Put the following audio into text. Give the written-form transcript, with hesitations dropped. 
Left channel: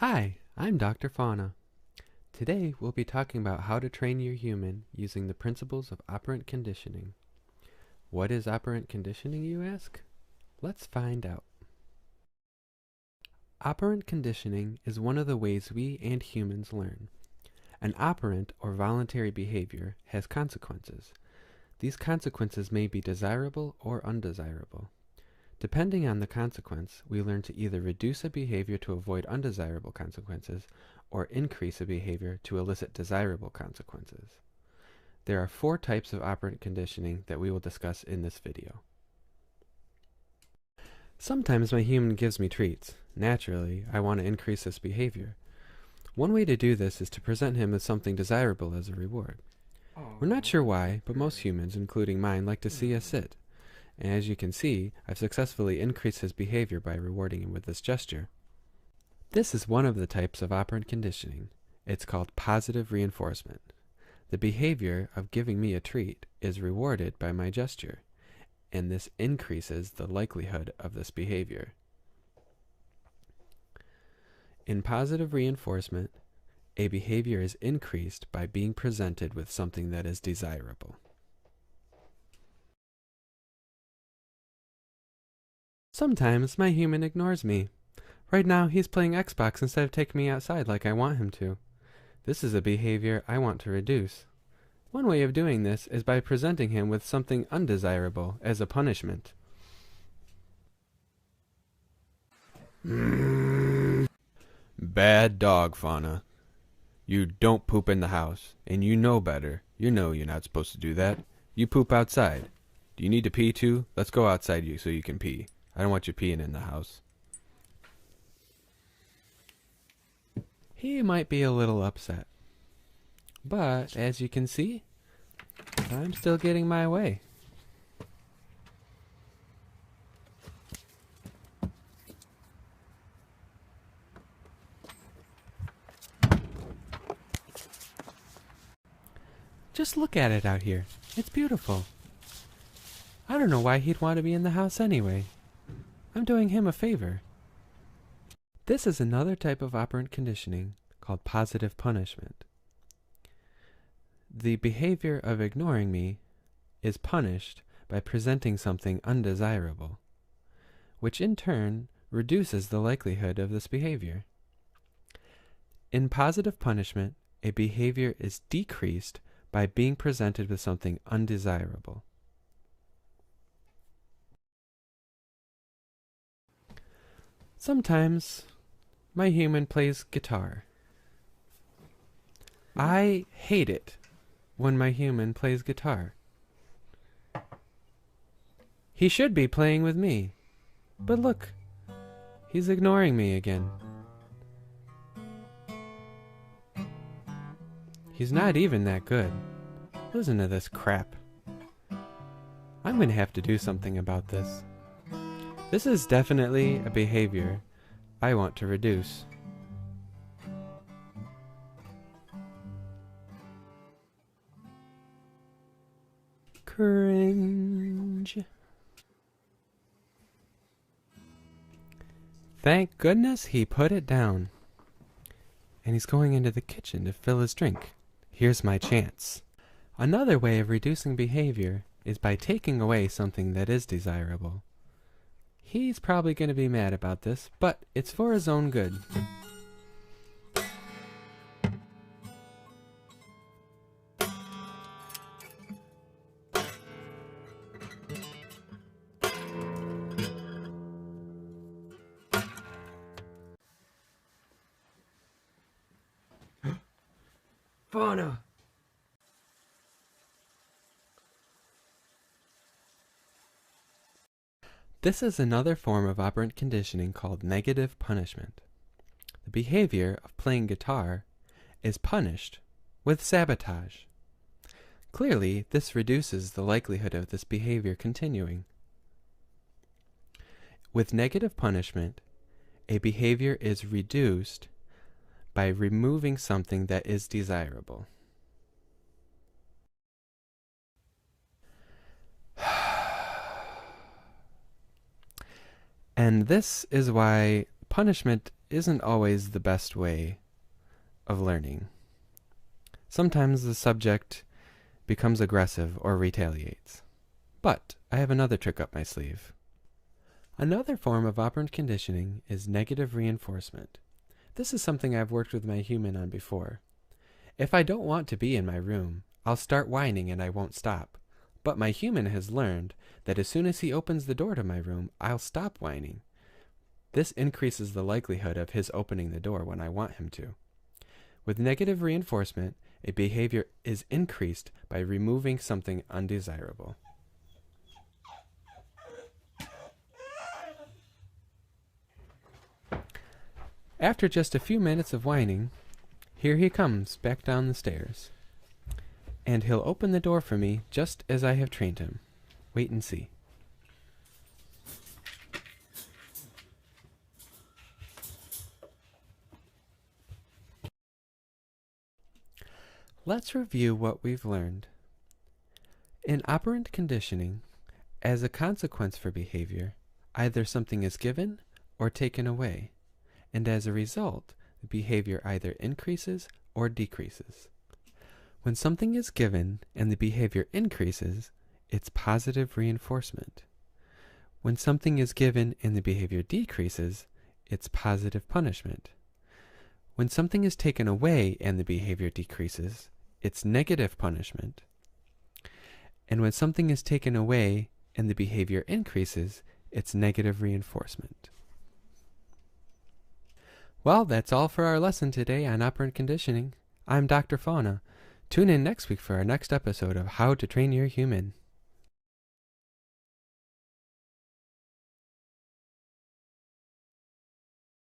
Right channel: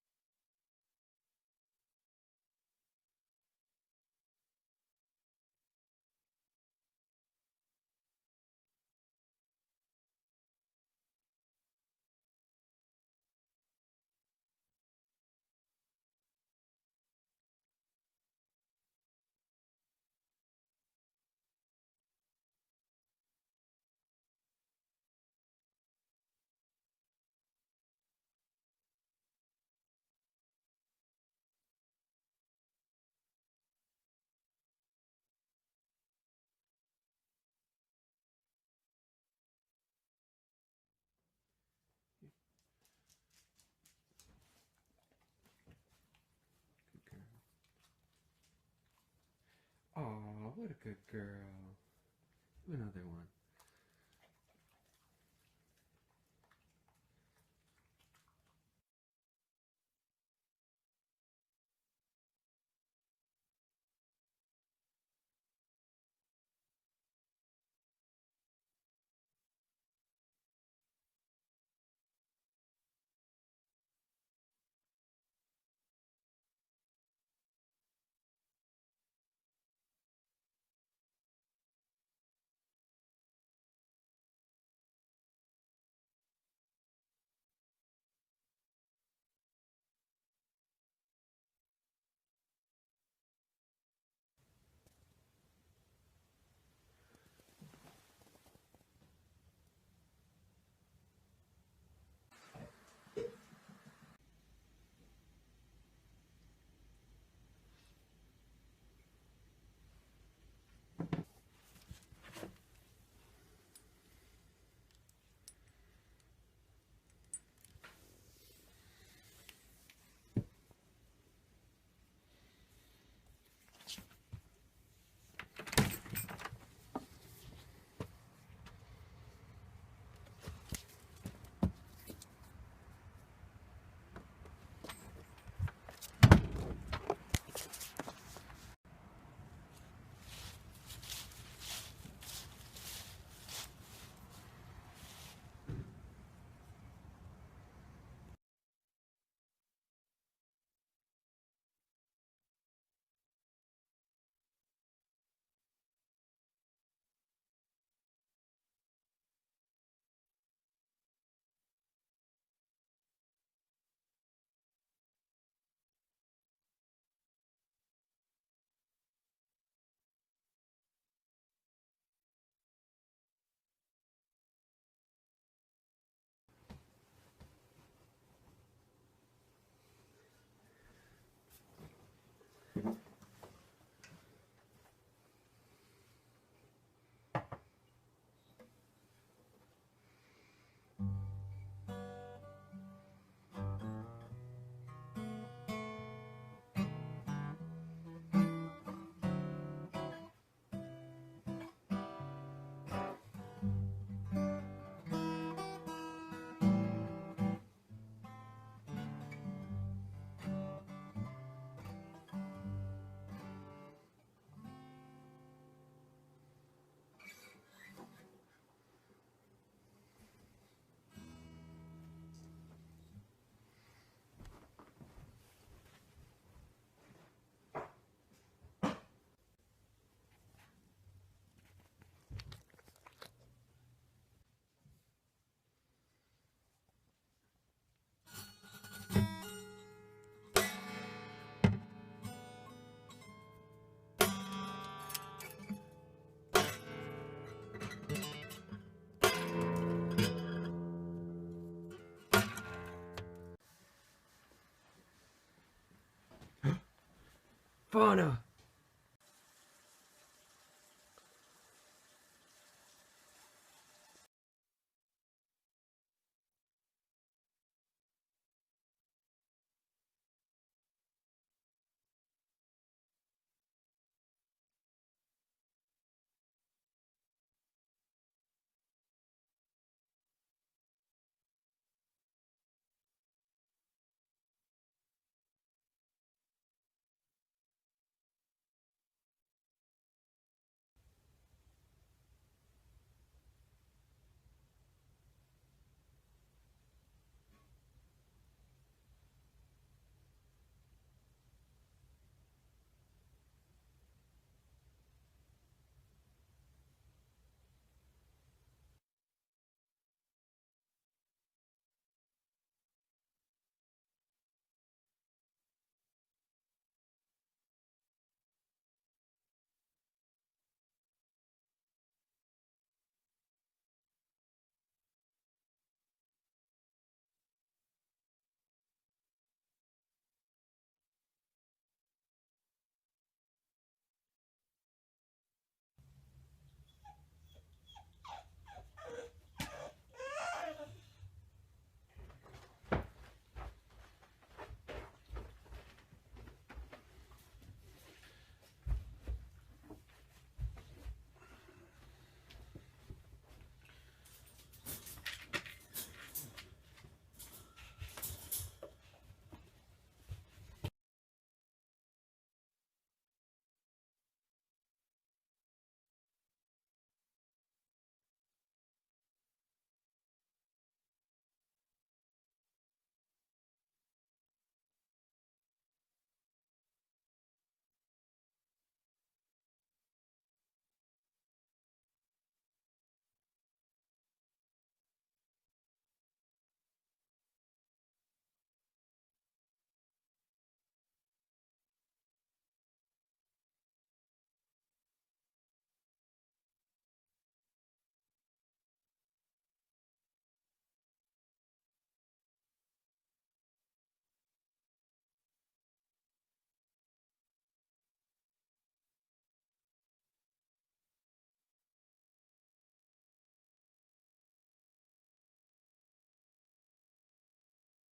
Hi, I'm Dr. Fauna. Today we'll be talking about how to train your human using the principles of operant conditioning. What is operant conditioning, you ask? Let's find out. Operant conditioning is one of the ways we and humans learn. An operant or voluntary behavior has consequences. These consequences may be desirable or undesirable. Depending on the consequence, we learn to either reduce a behavior to avoid undesirable consequences or increase a behavior to elicit desirable consequences. There are 4 types of operant conditioning that we will discuss in this video. Sometimes my human gives me treats. Naturally, I want to increase this behavior. One way to do this is to present him with something desirable as a reward. We're not sure why, but most humans, including mine, like to see us sit. And as you can see, I've successfully increased his behavior by rewarding him with this gesture. This is one of the types of operant conditioning. It's called positive reinforcement. The behavior of giving me a treat is rewarded by my gesture, and this increases the likelihood of this behavior. In positive reinforcement, a behavior is increased by being presented with something that is desirable. Sometimes my human ignores me. Right now he's playing Xbox instead of taking me outside like I want him to. This is a behavior I want to reduce. One way of doing this is by presenting him with something undesirable as a punishment. Bad dog, Fauna. You don't poop in the house, and you know better. You know you're not supposed to do that. You poop outside. Do you need to pee too? Let's go outside so you can pee. I don't want you peeing in the house. He might be a little upset. But, as you can see, I'm still getting my way. Just look at it out here. It's beautiful. I don't know why he'd want to be in the house anyway. I'm doing him a favor. This is another type of operant conditioning called positive punishment. The behavior of ignoring me is punished by presenting something undesirable, which in turn reduces the likelihood of this behavior. In positive punishment, a behavior is decreased by being presented with something undesirable. Sometimes my human plays guitar. I hate it when my human plays guitar. He should be playing with me, but look, he's ignoring me again. He's not even that good. Listen to this crap. I'm gonna have to do something about this. This is definitely a behavior I want to reduce. Cringe. Thank goodness he put it down. And he's going into the kitchen to fill his drink. Here's my chance. Another way of reducing behavior is by taking away something that is desirable. He's probably going to be mad about this, but it's for his own good. Fauna! This is another form of operant conditioning called negative punishment. The behavior of playing guitar is punished with sabotage. Clearly, this reduces the likelihood of this behavior continuing. With negative punishment, a behavior is reduced by removing something that is desirable. And this is why punishment isn't always the best way of learning. Sometimes the subject becomes aggressive or retaliates. But I have another trick up my sleeve. Another form of operant conditioning is negative reinforcement. This is something I've worked with my human on before. If I don't want to be in my room, I'll start whining and I won't stop. But my human has learned that as soon as he opens the door to my room, I'll stop whining. This increases the likelihood of his opening the door when I want him to. With negative reinforcement, a behavior is increased by removing something undesirable. After just a few minutes of whining, here he comes back down the stairs. And he'll open the door for me just as I have trained him. Wait and see. Let's review what we've learned. In operant conditioning, as a consequence for behavior, either something is given or taken away, and as a result, the behavior either increases or decreases. When something is given and the behavior increases, it's positive reinforcement. When something is given and the behavior decreases, it's positive punishment. When something is taken away and the behavior decreases, it's negative punishment. And when something is taken away and the behavior increases, it's negative reinforcement. Well, that's all for our lesson today on operant conditioning. I'm Dr. Fauna. Tune in next week for our next episode of How to Train Your Human.